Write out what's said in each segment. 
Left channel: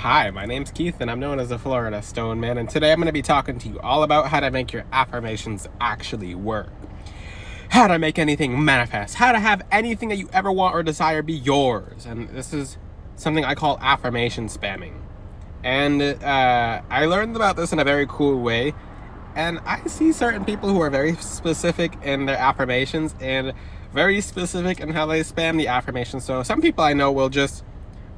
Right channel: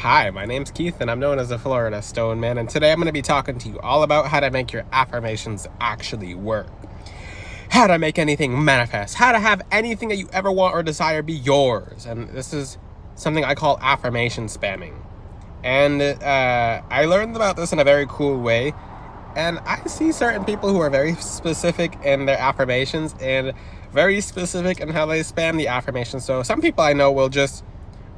Hi, my name's Keith and I'm known as the Florida Stone Man, and today I'm going to be talking to you all about how to make your affirmations actually work. How to make anything manifest. How to have anything that you ever want or desire be yours. And this is something I call affirmation spamming. And I learned about this in a very cool way. And I see certain people who are very specific in their affirmations and very specific in how they spam the affirmations. So some people I know will just,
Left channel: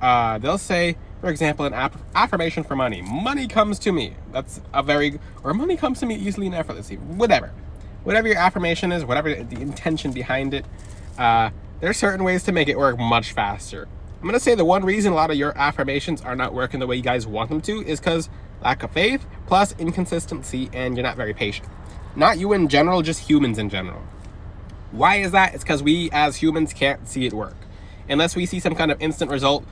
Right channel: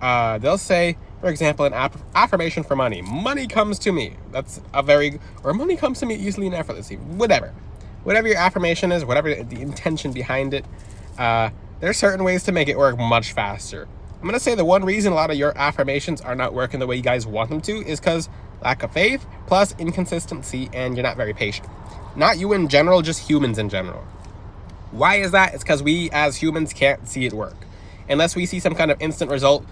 they'll say, for example, an affirmation for money. Money comes to me. Or money comes to me easily and effortlessly. Whatever your affirmation is, whatever the intention behind it, there's certain ways to make it work much faster. I'm going to say the one reason a lot of your affirmations are not working the way you guys want them to is because lack of faith, plus inconsistency, and you're not very patient. Not you in general, just humans in general. Why is that? It's because we as humans can't see it work. Unless we see some kind of instant result.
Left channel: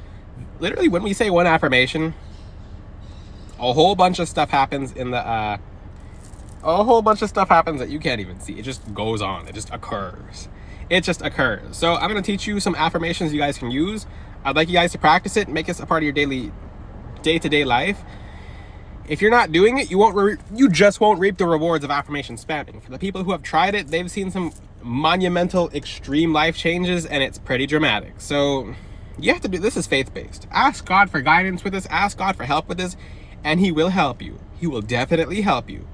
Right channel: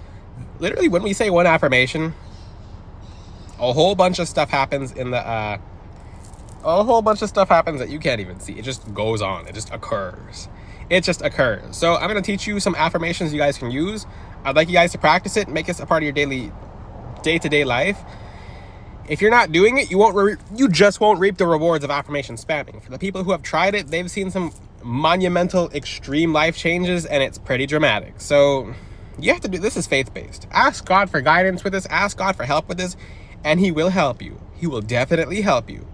Literally, when we say one affirmation, a whole bunch of stuff happens that you can't even see. It just goes on. It just occurs. So I'm going to teach you some affirmations you guys can use. I'd like you guys to practice it, make it a part of your daily, day-to-day life. If you're not doing it, you just won't reap the rewards of affirmation spamming. For the people who have tried it, they've seen some monumental, extreme life changes, and it's pretty dramatic. So you have to do this. Is faith-based. Ask God for guidance with this. Ask God for help with this, and He will help you. He will definitely help you.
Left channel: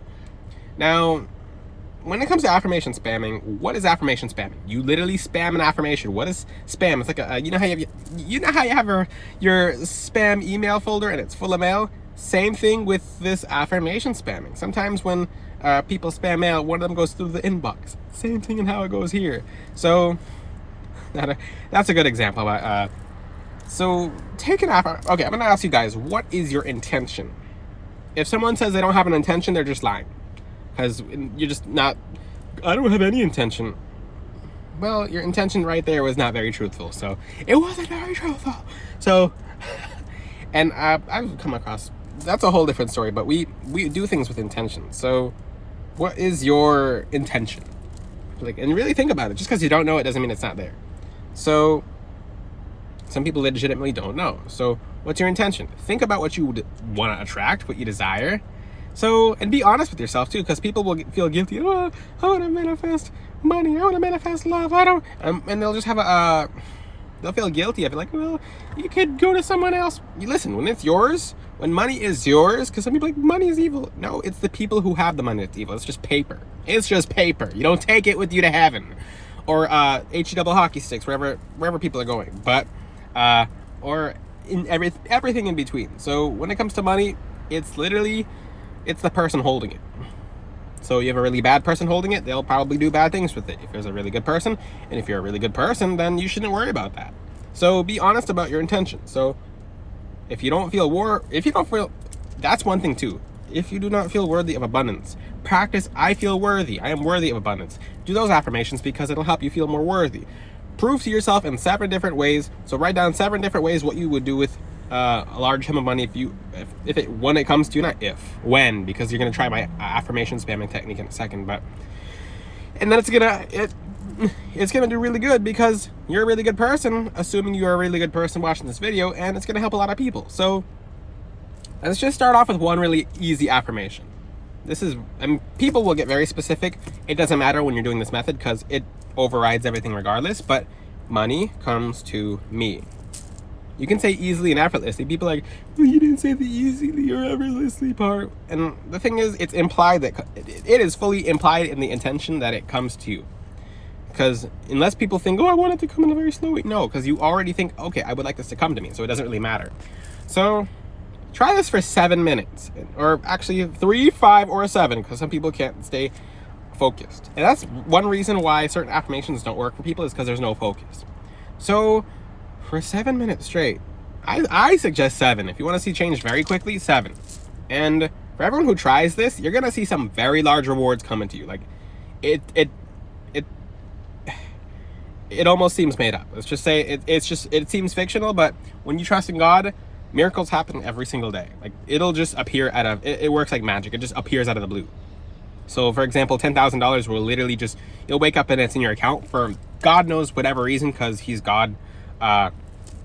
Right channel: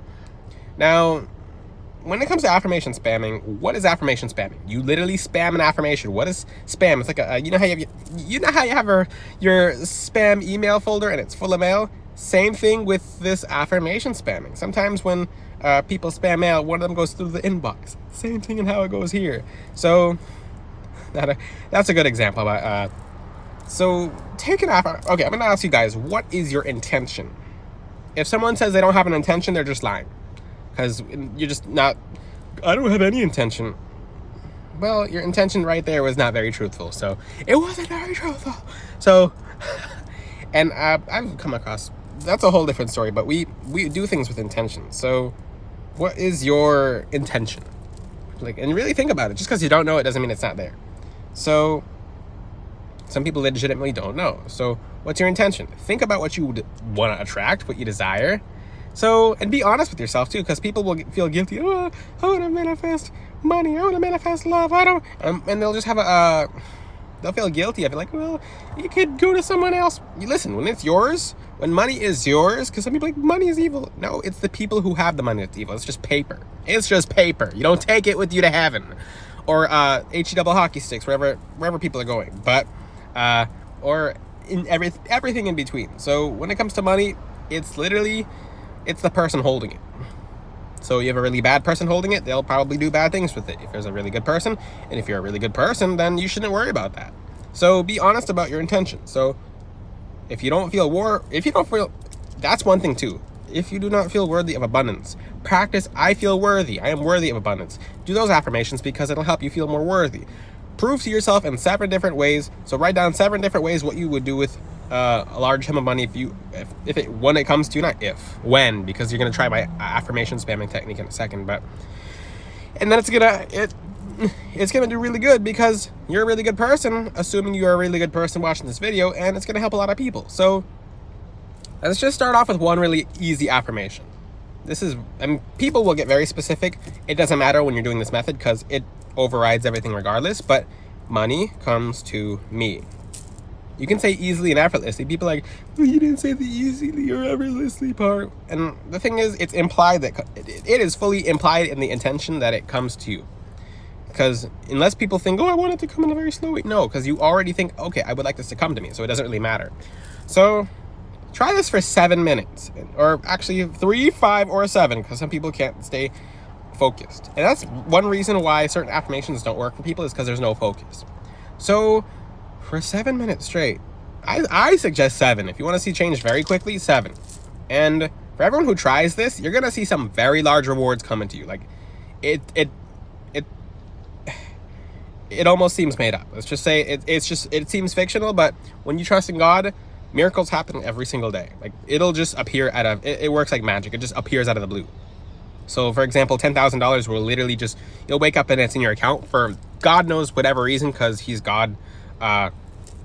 Now, when it comes to affirmation spamming, what is affirmation spamming? You literally spam an affirmation. What is spam? It's like you know how you have your spam email folder and it's full of mail. Same thing with this affirmation spamming. Sometimes when people spam mail, one of them goes through the inbox. Same thing in how it goes here. So that's a good example. So take an offer. Okay, I'm gonna ask you guys, what is your intention? If someone says they don't have an intention, they're just lying. Because you're just not, I don't have any intention. Well, your intention right there was not very truthful. So it wasn't very truthful. So, and I've come across, that's a whole different story, but we do things with intention. So what is your intention? And really think about it. Just because you don't know it doesn't mean it's not there. So some people legitimately don't know. So what's your intention? Think about what you would want to attract, what you desire. So, and be honest with yourself too, because people will feel guilty. Oh, I want to manifest money. I want to manifest love. I don't, and they'll just have they'll feel guilty of it. Like, well, you could go to someone else. You listen, when it's yours, when money is yours, because some people are like, money is evil. No, it's the people who have the money that's evil. It's just paper. It's just paper. You don't take it with you to heaven, or HE double hockey sticks, wherever people are going. But, or in everything in between. So when it comes to money, it's literally, it's the person holding it. So you have a really bad person holding it, they'll probably do bad things with it. If there's a really good person, and if you're a really good person, then you shouldn't worry about that. So be honest about your intention. So if you don't feel, that's one thing too. If you do not feel worthy of abundance, practice, I feel worthy. I am worthy of abundance. Do those affirmations because it'll help you feel more worthy. Prove to yourself in 7 different ways. So write down 7 different ways what you would do with a large sum of money when it comes to, not if, when, because you're going to try my affirmation spamming technique in a second, and then it's gonna do really good because you're a really good person, assuming you're a really good person watching this video, and it's gonna help a lot of people. So let's just start off with one really easy affirmation. People will get very specific. It doesn't matter when you're doing this method because it overrides everything regardless, but money comes to me. You can say easily and effortlessly. People are like, well, you didn't say the easily or effortlessly part. And the thing is, it's implied that it is fully implied in the intention that it comes to you. Because unless people think, oh, I want it to come in a very slow way. No, because you already think, okay, I would like this to come to me. So it doesn't really matter. So try this for 7 minutes. Or actually 3, 5, or 7. Because some people can't stay focused. And that's one reason why certain affirmations don't work for people, is because there's no focus. So for 7 minutes straight, I suggest 7. If you want to see change very quickly, 7. And for everyone who tries this, you're gonna see some very large rewards coming to you. Like it almost seems made up. Let's just say it seems fictional, but when you trust in God, miracles happen every single day. Like it'll just appear it works like magic. It just appears out of the blue. So for example, $10,000 will literally you'll wake up and it's in your account for God knows whatever reason, because He's God.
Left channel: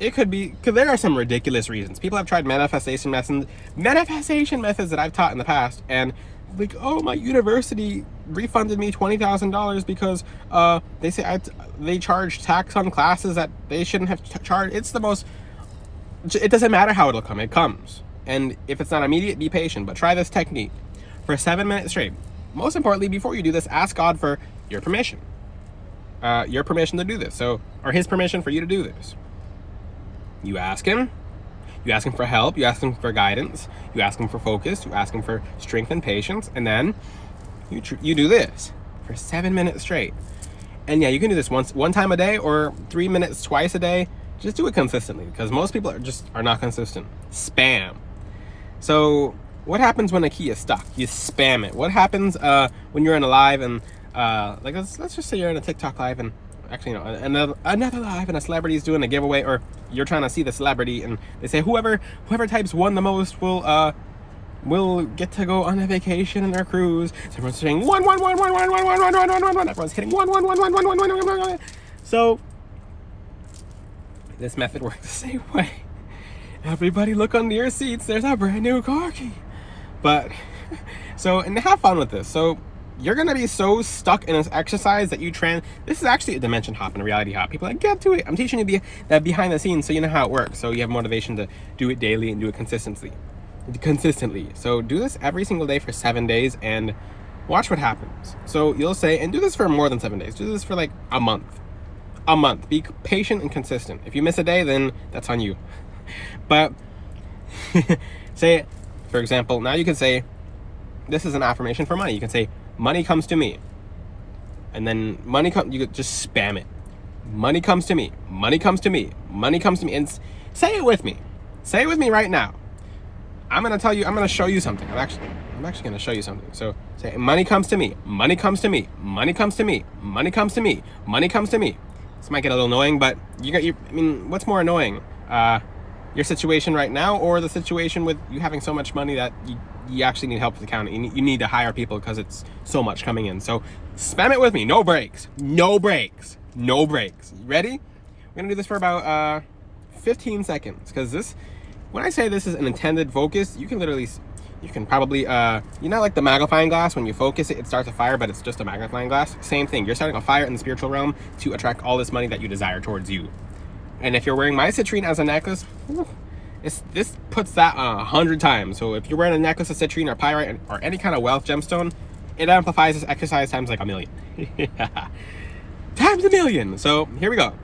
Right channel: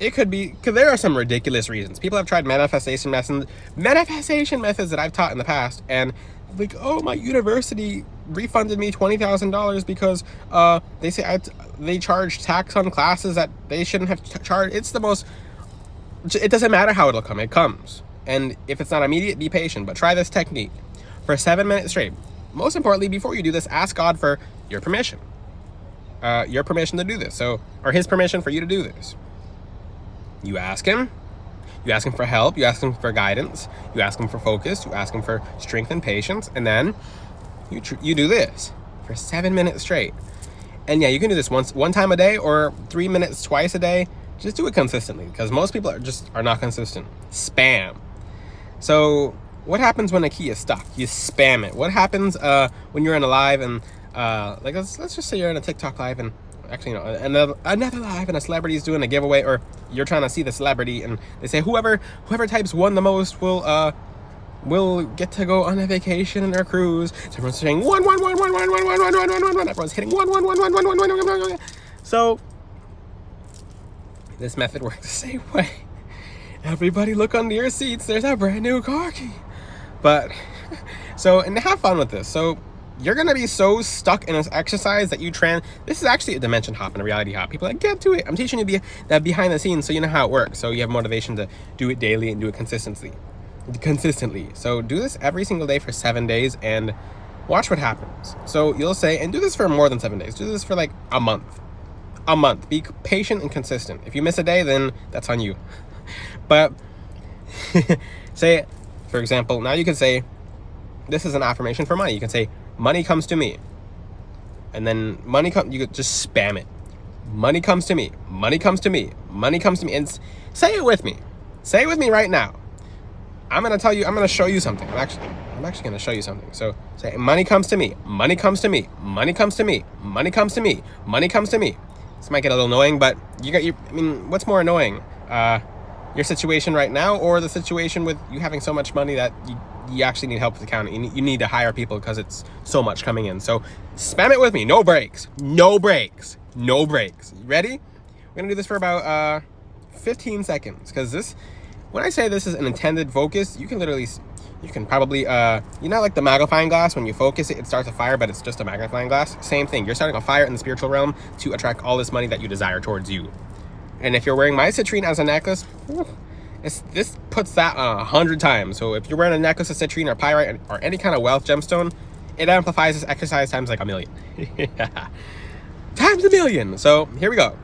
It could be, because there are some ridiculous reasons. People have tried manifestation methods that I've taught in the past, and like, oh, my university refunded me $20,000 because they say they charge tax on classes that they shouldn't have charged. It's the most. It doesn't matter how it'll come. It comes, and if it's not immediate, be patient. But try this technique for 7 minutes straight. Most importantly, before you do this, ask God for your permission. Your permission to do this. So, or His permission for you to do this. You ask Him. You ask Him for help. You ask Him for guidance. You ask Him for focus. You ask Him for strength and patience. And then you do this for 7 minutes straight. And yeah, you can do this one time a day or 3 minutes twice a day. Just do it consistently, because most people are not consistent. Spam. So what happens when a key is stuck? You spam it. What happens when you're in a live and like let's just say you're in a TikTok live and actually, another live and a celebrity is doing a giveaway, or you're trying to see the celebrity and they say whoever types one the most will get to go on a vacation in their cruise. So everyone's saying one. Everyone's hitting one. So this method works the same way. Everybody look under your seats. There's a brand new car key. But and have fun with this. So you're going to be so stuck in this exercise that this is actually a dimension hop and a reality hop. People are like, get to it. I'm teaching you that behind the scenes so you know how it works. So you have motivation to do it daily and do it consistently. So do this every single day for 7 days and watch what happens. So you'll say, and do this for more than 7 days. Do this for like a month. Be patient and consistent. If you miss a day, then that's on you. But say, for example, now you can say, this is an affirmation for money. You can say, money comes to me. And then you could just spam it. Money comes to me. Money comes to me. Money comes to me. And say it with me. Say it with me right now. I'm going to show you something. I'm actually going to show you something. So say, money comes to me. Money comes to me. Money comes to me. Money comes to me. Money comes to me. This might get a little annoying, but what's more annoying? Your situation right now, or the situation with you having so much money that you actually need help with accounting. You need to hire people because it's so much coming in. So spam it with me. No breaks. No breaks. No breaks. You ready? We're going to do this for about 15 seconds. Because when I say this is an intended focus, you can probably, like the magnifying glass, when you focus it, it starts a fire, but it's just a magnifying glass. Same thing. You're starting a fire in the spiritual realm to attract all this money that you desire towards you. And if you're wearing my citrine as a necklace, this puts that 100 times. So if you're wearing a necklace of citrine or pyrite or any kind of wealth gemstone, it amplifies this exercise times like a million. Times a million. So here we go.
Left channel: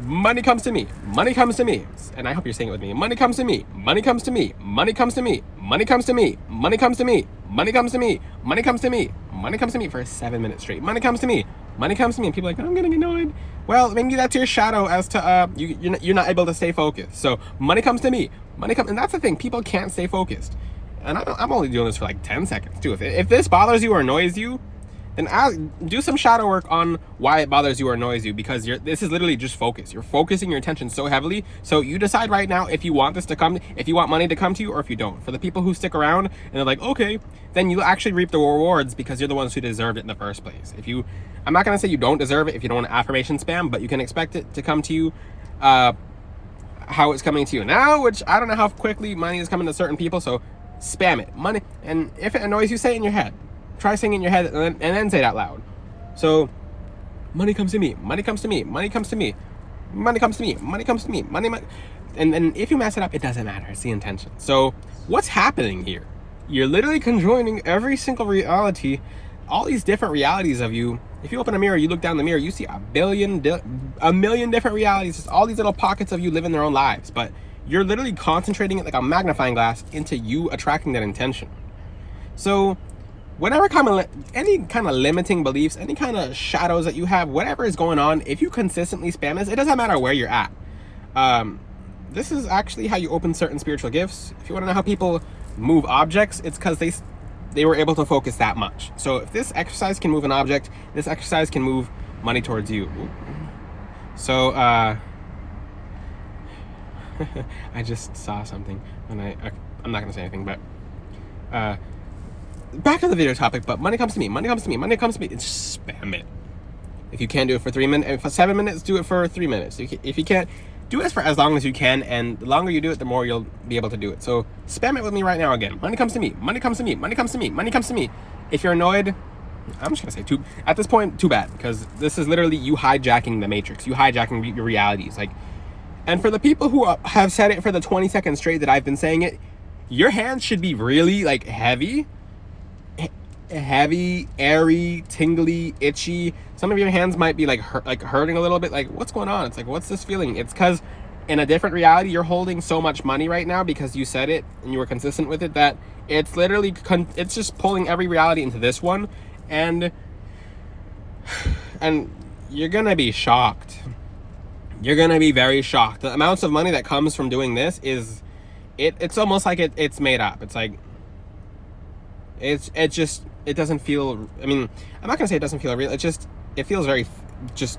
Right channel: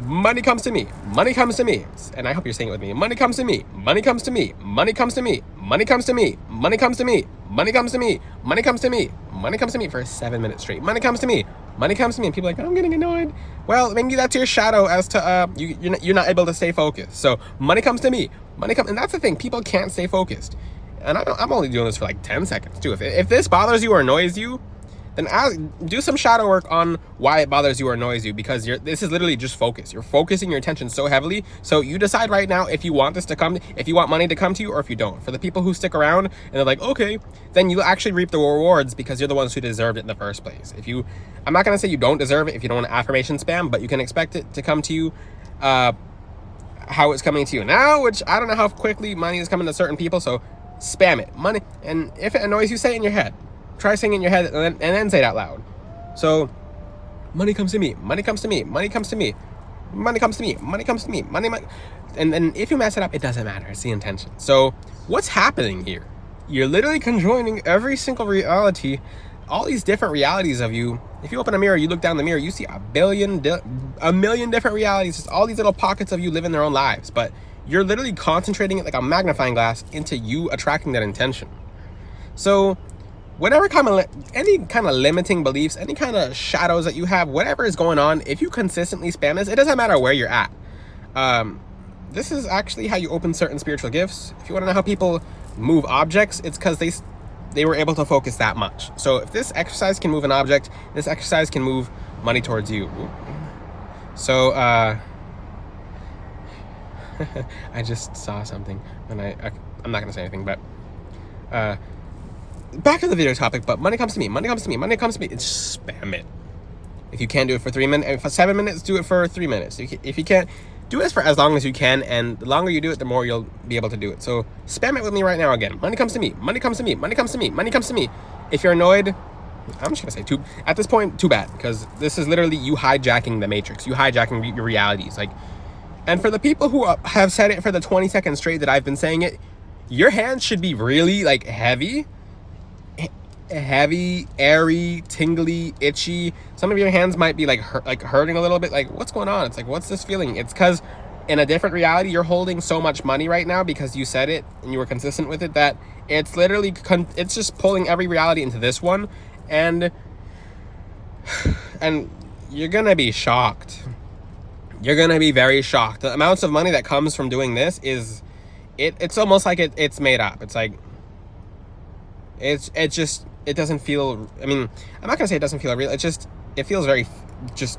Money comes to me. Money comes to me. And I hope you're saying it with me. Money comes to me. Money comes to me. Money comes to me. Money comes to me. Money comes to me. Money comes to me. Money comes to me. Money comes to me for 7 minutes straight. Money comes to me. Money comes to me. And people are like, I'm getting annoyed. Well, maybe that's your shadow as to you're not able to stay focused. So money comes to me. And that's the thing. People can't stay focused. And I'm only doing this for like 10 seconds too. If this bothers you or annoys you, then do some shadow work on why it bothers you or annoys you, because this is literally just focus. You're focusing your attention so heavily. So you decide right now if you want if you want money to come to you, or if you don't. For the people who stick around and they're like, okay, then you actually reap the rewards because you're the ones who deserved it in the first place. I'm not going to say you don't deserve it if you don't want affirmation spam, but you can expect it to come to you how it's coming to you now, which I don't know how quickly money is coming to certain people. So spam it. Money. And if it annoys you, say it in your head. Try saying it in your head and then say it out loud. So, money comes to me. Money comes to me. Money comes to me. Money comes to me. Money comes to me. Money. And if you mess it up, it doesn't matter. It's the intention. So, what's happening here? You're literally conjoining every single reality, all these different realities of you. If you open a mirror, you look down the mirror, you see a million different realities. It's all these little pockets of you living their own lives. But you're literally concentrating it like a magnifying glass into you attracting that intention. So, any kind of limiting beliefs, any kind of shadows that you have, whatever is going on, if you consistently spam this, it doesn't matter where you're at. This is actually how you open certain spiritual gifts. If you want to know how people move objects, it's because they were able to focus that much. So if this exercise can move an object, this exercise can move money towards you. So I just saw something, and I'm not gonna say anything, but back to the video topic. But money comes to me. Money comes to me. Money comes to me. It's spam it. If you can't do it for 3 minutes, for 7 minutes, do it for 3 minutes. If you can't, do this for as long as you can, and the longer you do it, the more you'll be able to do it. So spam it with me right now again. Money comes to me, money comes to me, money comes to me, money comes to me. If you're annoyed, I'm just gonna say at this point, too bad, because this is literally you hijacking the matrix, you hijacking your realities. Like, and for the people who have said it for the 20 seconds straight that I've been saying it, your hands should be really like heavy, airy, tingly, itchy. Some of your hands might be like hurting a little bit. Like, what's going on? It's like, what's this feeling? It's because in a different reality, you're holding so much money right now because you said it and you were consistent with it, that it's literally it's just pulling every reality into this one, and you're gonna be shocked. You're gonna be very shocked. The amounts of money that comes from doing this is it's almost like it's made up. It's like it doesn't feel, I mean, I'm not gonna say it doesn't feel real. It feels very just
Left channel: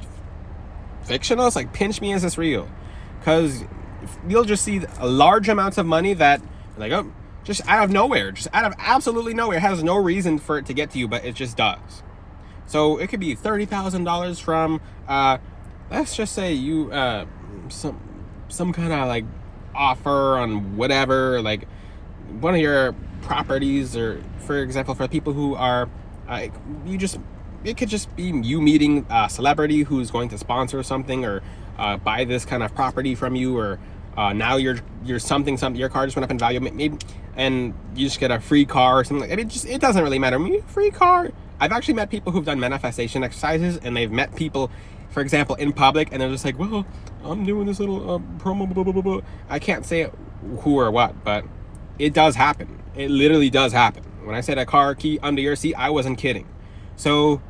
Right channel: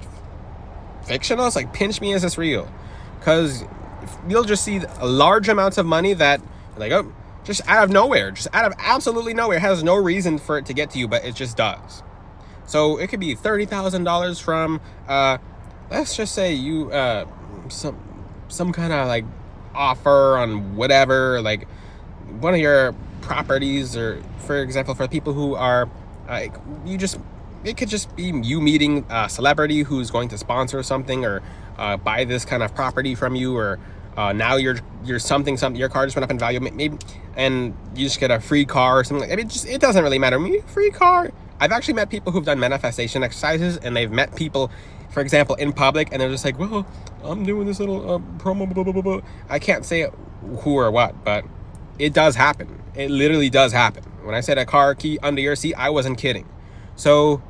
fictional. It's like, pinch me, is this real? Because you'll just see large amounts of money that, like, oh, just out of nowhere, just out of absolutely nowhere. It has no reason for it to get to you, but it just does. So it could be $30,000 from, let's just say you, some kind of like offer on whatever, like one of your properties, or for example, for people who are, it could just be you meeting a celebrity who's going to sponsor something, or buy this kind of property from you, or now your car just went up in value, maybe, and you just get a free car or something like. I mean, it doesn't really matter. Maybe free car. I've actually met people who've done manifestation exercises, and they've met people, for example, in public, and they're just like, well, I'm doing this little promo, blah, blah, blah, blah. I can't say who or what, but it does happen. It literally does happen. When I said a car key under your seat, I wasn't kidding. So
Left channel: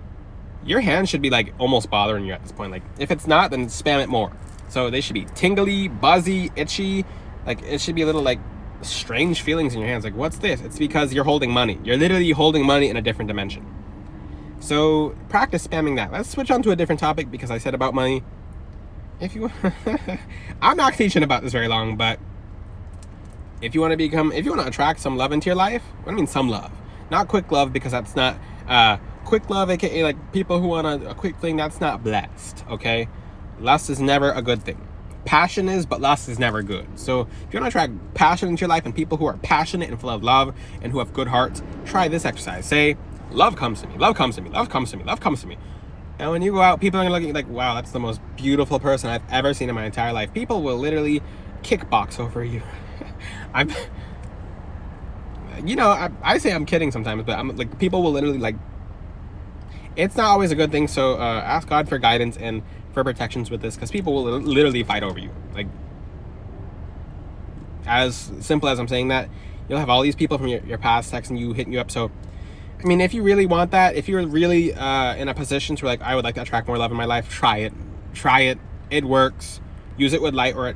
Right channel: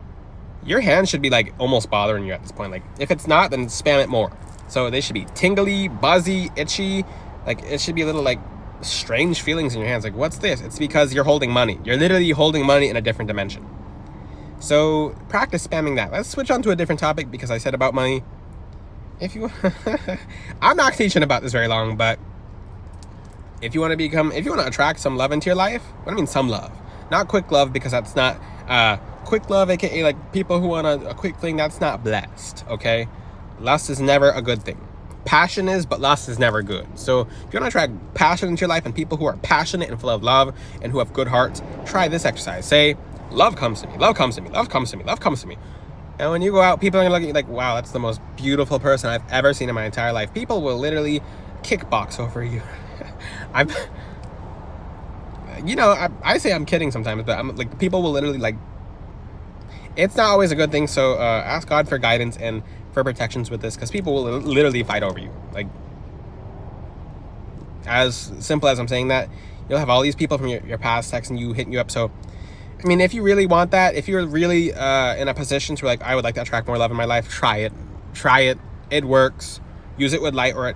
your hands should be like almost bothering you at this point. Like, if it's not, then spam it more. So they should be tingly, buzzy, itchy. Like, it should be a little like strange feelings in your hands. Like, what's this? It's because you're holding money. You're literally holding money in a different dimension. So practice spamming that. Let's switch on to a different topic, because I said about money. If you I'm not teaching about this very long, but if you want to attract some love into your life, what do I mean some love? Not quick love, because that's not quick love, aka like people who want a quick thing, that's not blessed, okay? Lust is never a good thing. Passion is, but lust is never good. So if you want to attract passion into your life and people who are passionate and full of love and who have good hearts, try this exercise. Say, love comes to me, love comes to me, love comes to me, love comes to me. And when you go out, people are looking like, wow, that's the most beautiful person I've ever seen in my entire life. People will literally kickbox over you. I say I'm kidding sometimes, but I'm like, people will literally like, it's not always a good thing. So ask God for guidance and for protections with this, because people will literally fight over you. Like, as simple as I'm saying that, you'll have all these people from your past texting you, hitting you up. So I mean, if you really want that, if you're really in a position to like, I would like to attract more love in my life, try it. It works. Use it with light, or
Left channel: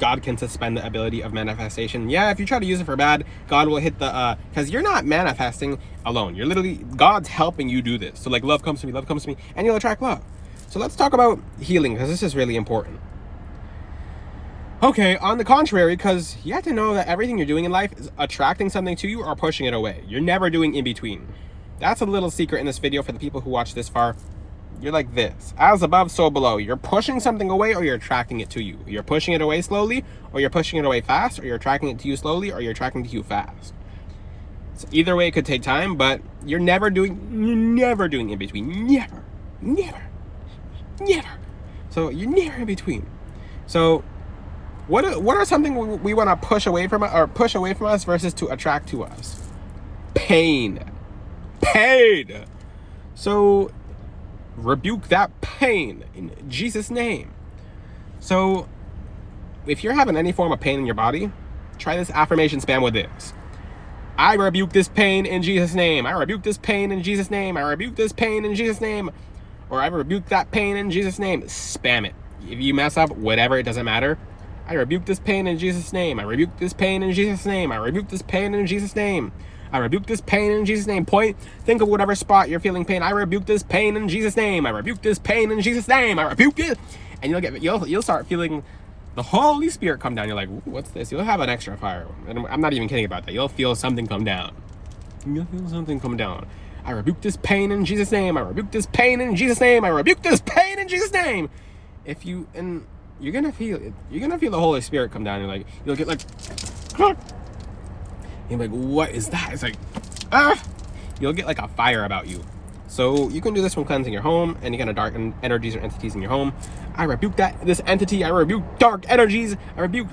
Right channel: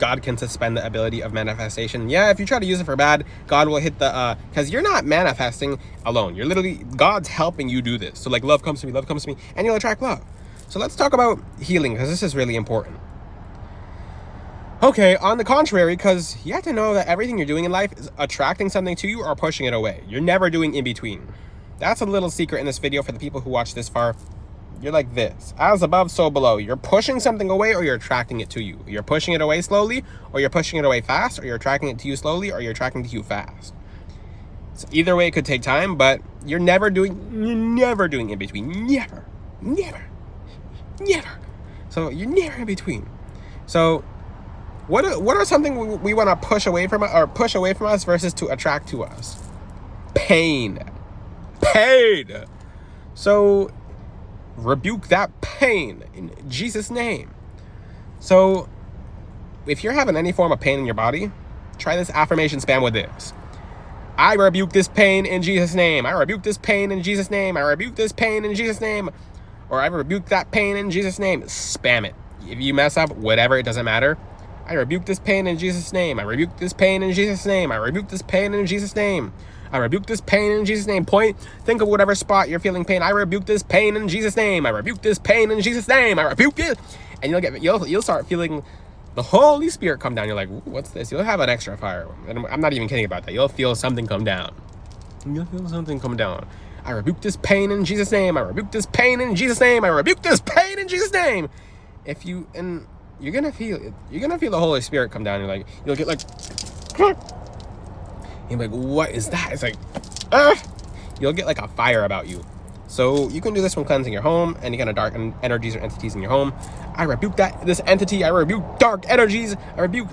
God can suspend the ability of manifestation. Yeah, if you try to use it for bad, God will hit the, because you're not manifesting alone. You're literally, God's helping you do this. So like, love comes to me, and you'll attract love. So let's talk about healing, because this is really important. Okay, on the contrary, because you have to know that everything you're doing in life is attracting something to you or pushing it away. You're never doing in between. That's a little secret in this video for the people who watch this far. You're like this, as above, so below. You're pushing something away, or you're attracting it to you. You're pushing it away slowly, or you're pushing it away fast, or you're attracting it to you slowly, or you're attracting it to you fast. So either way, it could take time, but you're never doing in between. Never. So you're never in between. So what are something we want to push away from us versus to attract to us? Pain. So rebuke that pain in Jesus' name. So if you're having any form of pain in your body, try this affirmation spam with this. I rebuke this pain in Jesus' name. I rebuke this pain in Jesus' name. I rebuke this pain in Jesus' name. Or I rebuke that pain in Jesus' name. Spam it. If you mess up, whatever, it doesn't matter. I rebuke this pain in Jesus' name. I rebuke this pain in Jesus' name. I rebuke this pain in Jesus' name. I rebuke this pain in Jesus' name. Think of whatever spot you're feeling pain. I rebuke this pain in Jesus' name. I rebuke this pain in Jesus' name. I rebuke it. And you'll start feeling the Holy Spirit come down. You're like, what's this? You'll have an extra fire. And I'm not even kidding about that. You'll feel something come down. I rebuke this pain in Jesus' name. I rebuke this pain in Jesus' name. I rebuke this pain in Jesus' name. you're gonna feel the Holy Spirit come down. You'll get like, you're like, what is that? It's like, you'll get like a fire about you. So you can do this when cleansing your home, any kind of dark energies or entities in your home. I rebuke this entity. I rebuke dark energies. I rebuke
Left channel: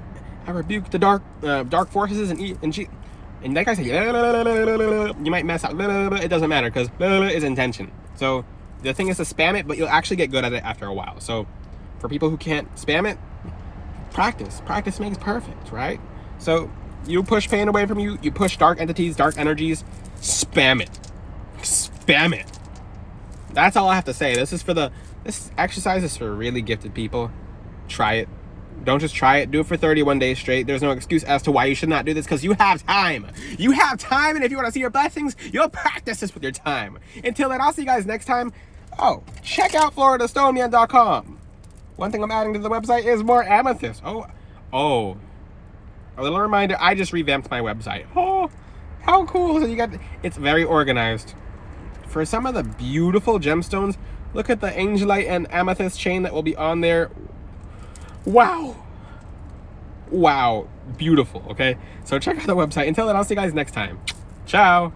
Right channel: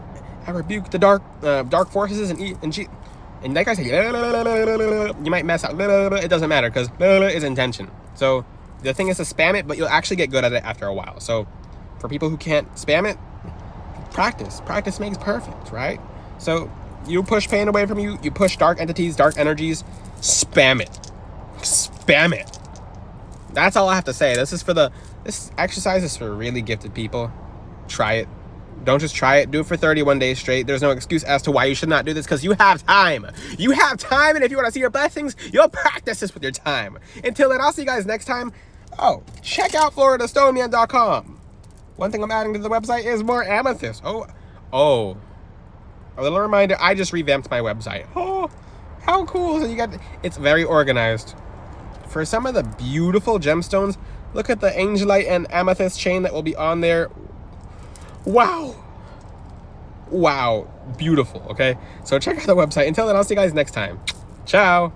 the dark forces and like I said, you might mess up. It doesn't matter because is intention. So the thing is to spam it, but you'll actually get good at it after a while. So for people who can't spam it, practice. Practice makes perfect, right? So you push pain away from you. You push dark entities, dark energies. Spam it. Spam it. That's all I have to say. This exercise is for really gifted people. Try it. Don't just try it. Do it for 31 days straight. There's no excuse as to why you should not do this because you have time. You have time, and if you want to see your blessings, you'll practice this with your time. Until then, I'll see you guys next time. Oh, check out FloridaStoneman.com. One thing I'm adding to the website is more amethyst. Oh. A little reminder, I just revamped my website. Oh, how cool. So it's very organized. For some of the beautiful gemstones, look at the angelite and amethyst chain that will be on there. Wow, beautiful. Okay, so check out the website. Until then, I'll see you guys next time. Ciao.